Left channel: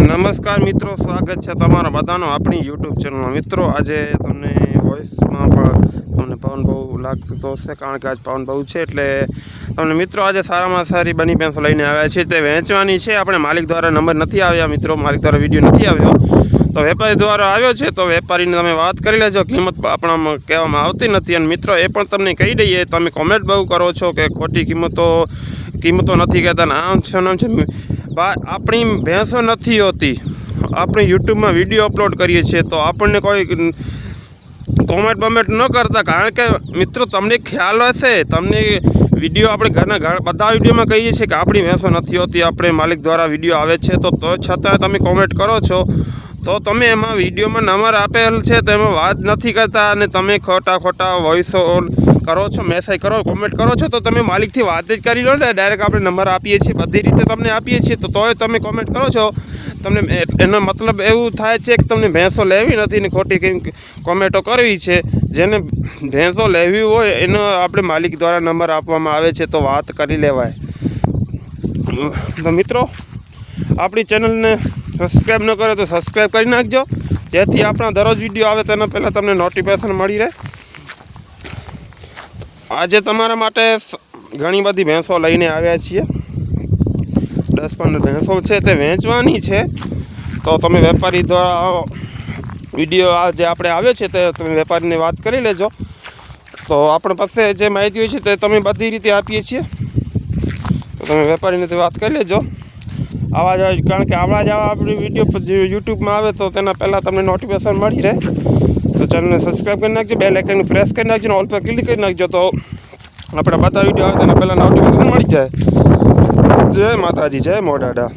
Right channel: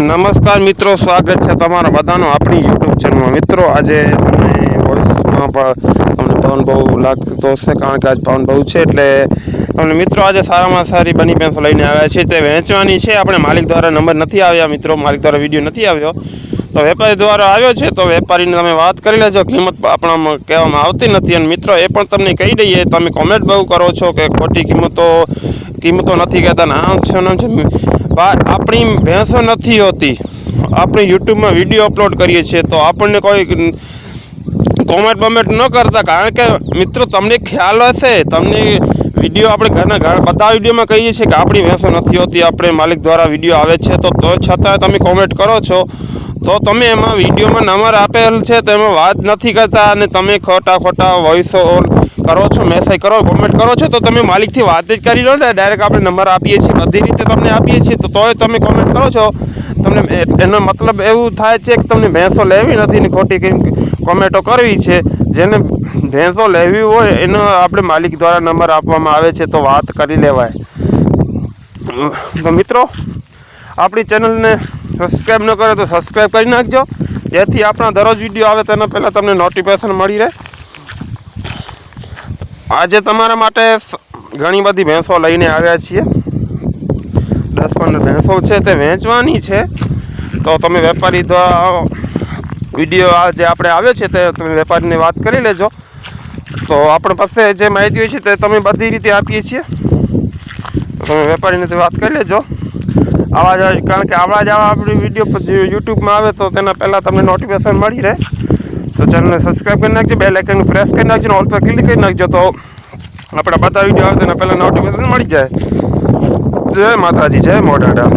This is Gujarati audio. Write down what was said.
નમસ્કાર મિત્રો, સ્વાગત છે તમારા બધાનો આપણી યુટ્યુબ ચેનલમાં મિત્રો, આજે તમને વોઇસમાં પણ તમને પવન બહુ લાગતો હશે, કારણ કે આજ પવન બહુ છે, એટલે તમને મિત્રો આજે સારામાં સારી બની પેન્સો લઈને આવ્યા છે તે વેચવાની છે. આપણે માલિક દ્વારા નંબર નથી આવ્યા મિત્રો, માલિક દ્વારા વીડિયો નથી આવ્યો. તો વેપારી દ્વારા આવ્યો છે, તો વેપારીને તમે વાત કરી લેજો. કિંમત આપણામાં કહેવામાં આવતી નથી. અને મિત્રો, એ પણ તમને કહી દઈએ, તમે કોમેન્ટ બહુ કરો છો કે ખોટી કિંમતો કિંમતો નથી કહેતા. આમ છે આમ છે. આપણી ભેંસો નથી હોતી. આપણે યુટ્યુબમાં વીડિયો અપલોડ કરીએ છીએ, તો આપણને કોઈ કોમેન્ટ બમેન્ટ ન કરતા. કારણ કે, મિત્રો, તમને ખ્યાલ હશે, તમને વીડિયો આપણે ઘરના ઘર બધા વિડીયોમાં કહીએ છીએ કે આપણી ભેંસો નથી હોતી. આપણે માલિક દ્વારા વીડિયો આવે છે, તો છતાં તમે કોમેન્ટ કરો છો. તો તમે એમાં વિડીયોમાં નંબર આપેલ છે, તો એમાં વાત નથી કરતા અને તમે ખોટા ખોટા વોઇસ કરો છો મેસેજ કરો કોમેન્ટ કરો છો, તો તમે માલિકથી વાત જ કરી લો ને ડાયરેક્ટ આપણે નંબર આપીએ છીએ, બધી રીતે તમને આપીએ છીએ, તો તોય તમે કોમેન્ટ કરો છો. તમને એનો મતલબ એવું થાય છે કે તમને ભેંસો લેવી નથી ને ખોટી કંઈક કોમેન્ટો કરવી છે. જેને ભેંસો લેવી હોય, એનો આપણે માલિક દ્વારા નંબર આપવામાં આવે છે, તો વાત કરી લેવાય. તો મિત્રો, આપણી ચેનલને સબસ્ક્રાઈબ ન કરે તો સબસ્ક્રાઈબ કરી નાખજો. જેથી આપણા દરરોજ વીડિયો આવે તેના પહેલાં તમને નોટિફિકેશન મળી રહે. આજે તમારા માટે ઘણી બધી ભેંસો લઈને આવ્યા છીએ. દસ પંદર ભેંસો છે તે વેચવાની છે. તો તમે વેપારી દ્વારા વીડિયો આ જે આપણે આવ્યો છે તે તમે વેપારીને વાત કરી લેજો. તો આપણી પાસે જે માહિતી હોય છે તે તમે બધી રીતે આપીએ છીએ. તો તમે વેપારીને વાત કરી લેજો. આવા જ કારણ કે આવા જ આવા આપણી વીડિયો યુટ્યુબમાં આવે તો તેના પહેલાં તમને નોટિફિકેશન મળી રહે. તો ચેનલને સબસ્ક્રાઈબ કરી નાખજો બે લાઇકનનું પ્રેસ કરી નાખજો ઓલ પર ક્લિક કરી નાખજો તો આપણા બધા વીડિયો આવે તેના પહેલાં નોટિફિકેશન મળી જાય. જય માતાજી, જય મોડાડા